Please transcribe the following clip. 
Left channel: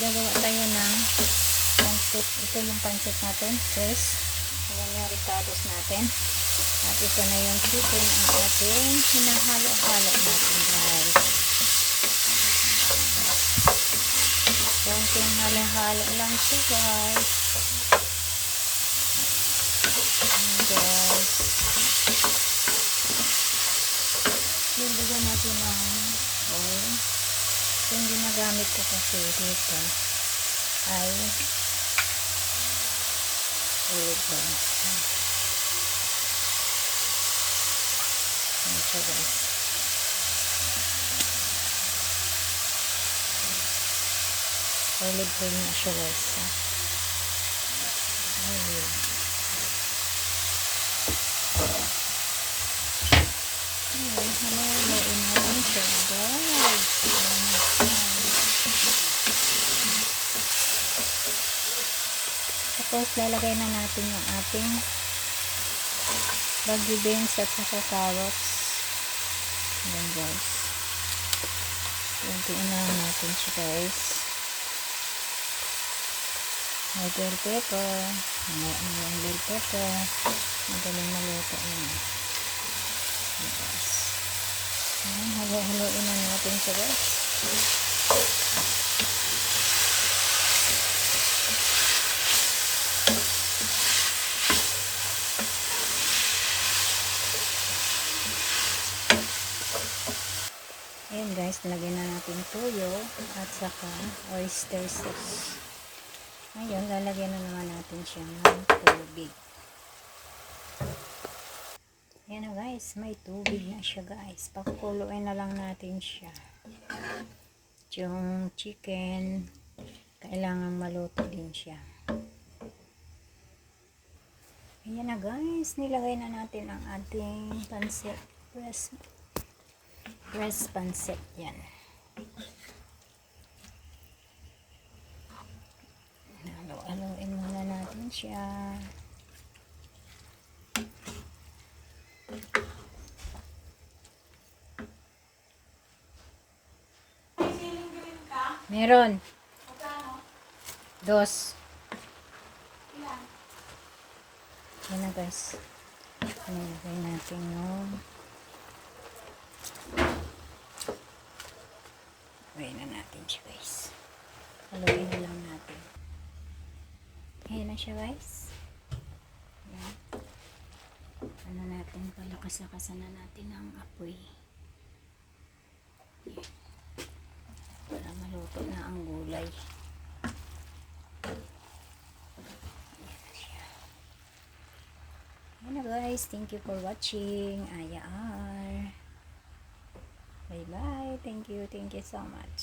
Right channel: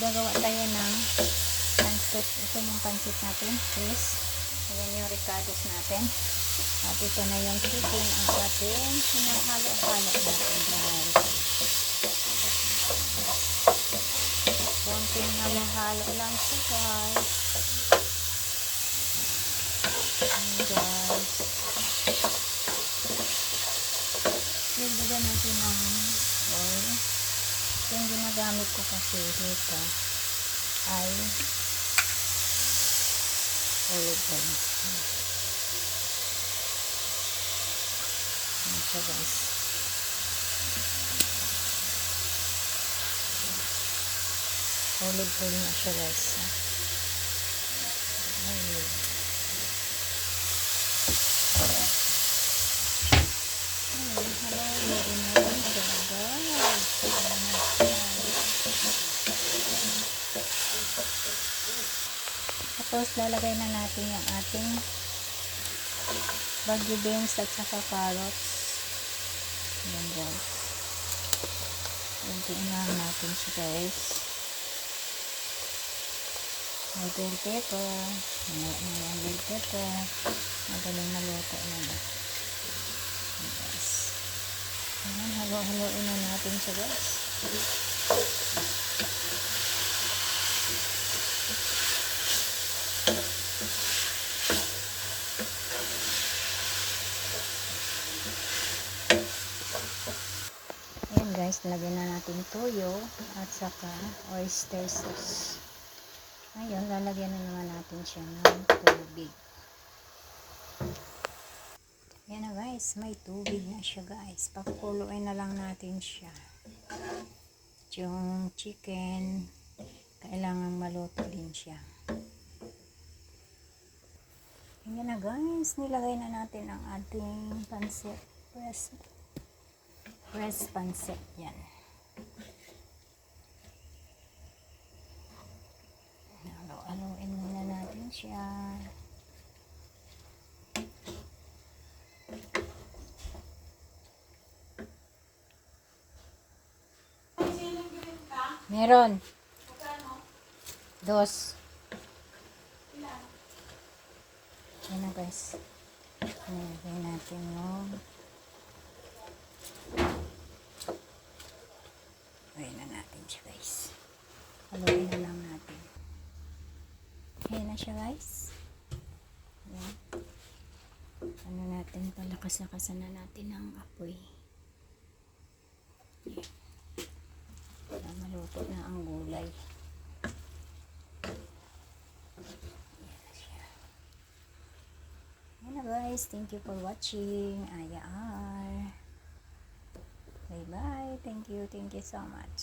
gagawa tayo ng pancit. Ito yung pancit natin. First, ayan yung ricados natin. At ito na yung chicken ang ating hinahalo-halo natin, guys. Konting halo-halo lang siya, guys. Ayan, guys. Lagyan natin ng oil. Yung ginagamit ko kasi dito ay olive oil. Ayan siya, guys. Olive oil na siya, guys. Ayun. Halo-haloin natin siya, guys. Tapos lalagay na natin yung ating bagyo beans at saka carrots. Ayan, guys. Kuntiin na natin siya, guys. May bell pepper. May bell pepper. Magaling maluto yun. Ayan, guys. Ayan, halo-haloin na natin siya, guys. Ayan, guys, nilagyan na natin toyo at saka oyster sauce. Ngayon, lalagyan na naman natin siya ng tubig. Ayan na, guys, may tubig na siya, guys. Pakuluin na lang natin siya. Yung chicken, kailangan maluto din siya. Ayan na, guys, nilagay na natin ang ating pancit. Press pancit, yan. Halo-haloin muna natin siya. Meron. Dos. Yan na, guys. Nilagay natin yung gawin na natin siya, guys. Haluin na lang natin. Ayan na siya, guys. Ayan. Ano natin, palakas-lakasan na natin ang apoy. Ayan. Para maluto na ang gulay. Ayan na, guys. Thank you for watching. Aya R. Bye-bye. Thank you so much.